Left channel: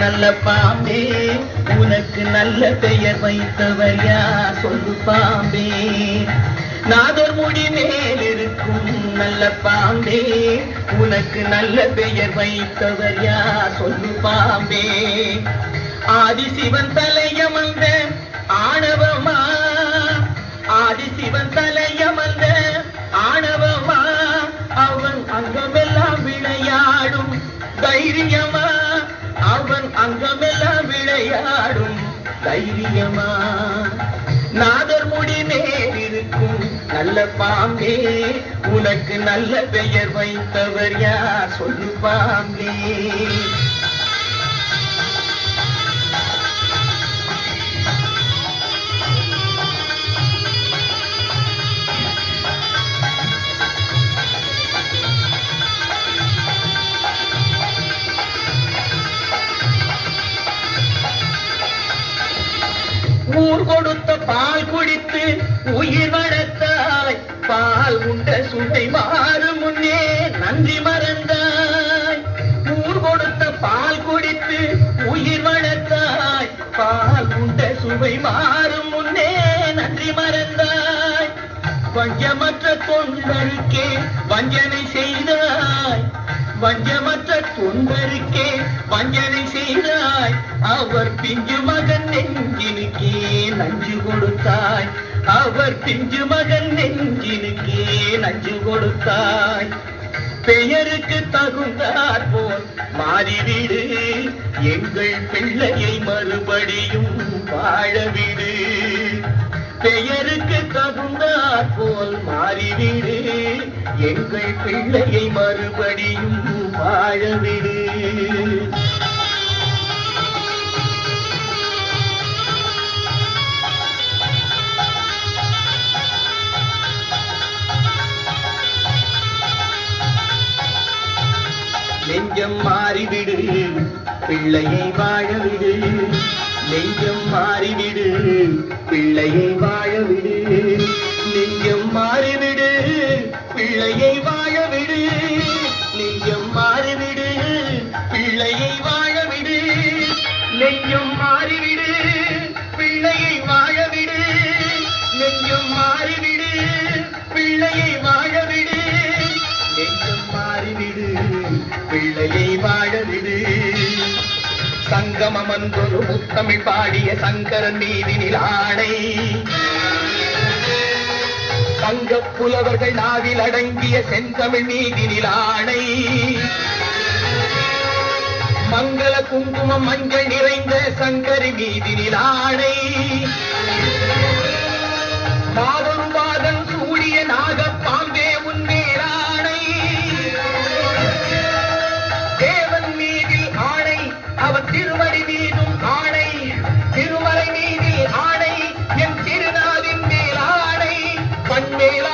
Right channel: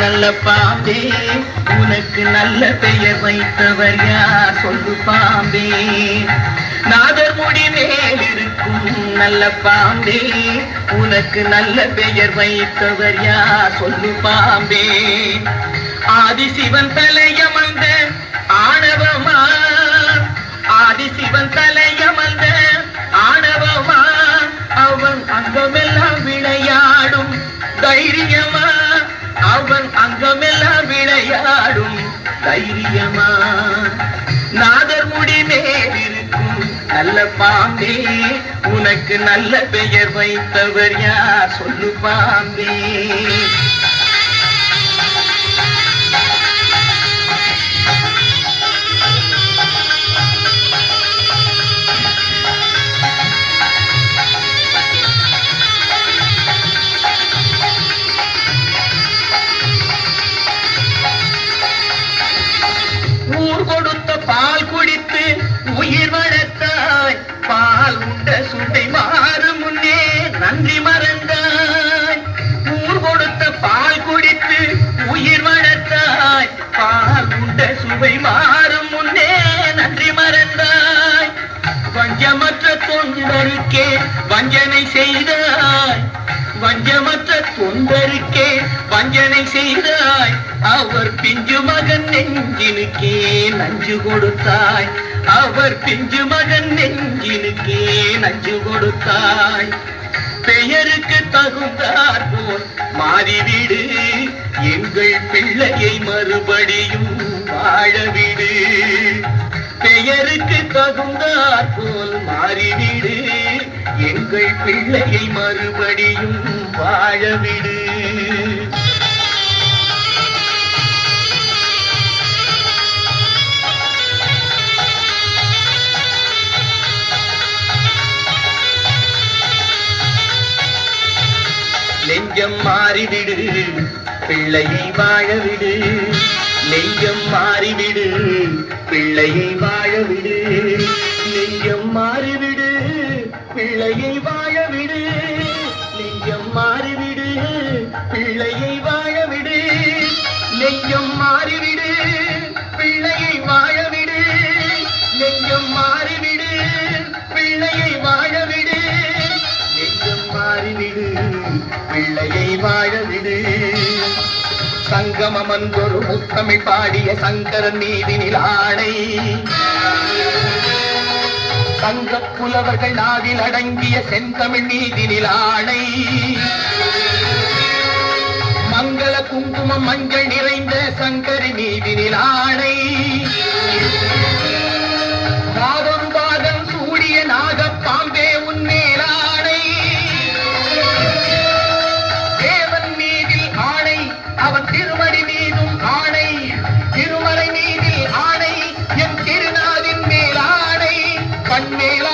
நல்ல பாம்பே உனக்கு நல்ல பெயர் வைத்தவர் யார் சொல்லு பாம்பே நாதர் முடி மேல் இருக்கும் நல்ல பாம்பே உனக்கு நல்ல பெயர் வைத்தவர் யார் சொல்லு பாம்பே ஆதிசிவன் தலையமர்ந்த ஆணவமா ஆதிசிவன் தலையமர்ந்த ஆணவமா அவன் அங்கமெல்லாம் விளையாடும் தைரியமா அவன் அங்கமெல்லாம் விளையாடும் தைரியமா நாதர் முடி மேல் இருக்கும் நல்ல பாம்பே உனக்கு நல்ல பெயர் வைத்தவர் யார் சொல்லு பாம்பே ஊர் கொடுத்த பால் குடித்து உயிர் வளர்த்தாய் பால் உண்ட சுவை மாறும் முன்னே நன்றி மறந்தாய் ஊர் கொடுத்த பால் குடித்து உயிர் வளர்த்தாய் பால் உண்ட சுவை மாறும் முன்னே நன்றி மறந்தாய் வஞ்சமற்ற தொண்டருக்கே வஞ்சனை செய்தாய் வஞ்சமற்ற தொண்டருக்கே வஞ்சனை செய்தாய் அவர் பிஞ்சு மகன் நெஞ்சினுக்கே நஞ்சு கொடுத்தாய் அவர் பிஞ்சு மகன் நெஞ்சினுக்கே நஞ்சு கொடுத்தாய் பெயருக்கு தகுந்தார் போல் மாறிவிடு எங்கள் பிள்ளையை மறுபடியும் வாழவிடு பெயருக்கு தகுந்தார் போல் மாறிவிடு எங்கள் பிள்ளையை மறுபடியும் வாழவிடு நெஞ்சம் மாறிவிடு பிள்ளையை வாழவிடு நெஞ்சம் மாறிவிடு பிள்ளையை வாழவிடு நெஞ்சம் மாறிவிடு பிள்ளையை வாழவிடு நெஞ்சம் மாறிவிடு பிள்ளையை வாழவிடு நெஞ்சம் மாறிவிடு பிள்ளையை வாழவிடு நெஞ்சம் மாறிவிடு பிள்ளையை வாழவிடு நெஞ்சம் மாறிவிடு பிள்ளையை வாழவிடு சங்கமமன்றொரு முத்தமிழ் பாடிய சங்கரன் மீதினில் ஆணை சங்கப் புலவர்கள் நாவில் அடங்கிய செந்தமிழ் மீதினில் ஆணை மங்கள குங்குமம் மஞ்சள் நிறைந்த சங்கரி மீதினில் ஆணை நாதொரு பாதம் சூடிய நாகப் பாம்பே உன்மேல் ஆணை தேவன் மீதில் ஆணை அவன் திருமடி மீதும் ஆணை திருமலை மீதில் ஆணை என் திருநாவின் மேல் ஆணை கண்மேல்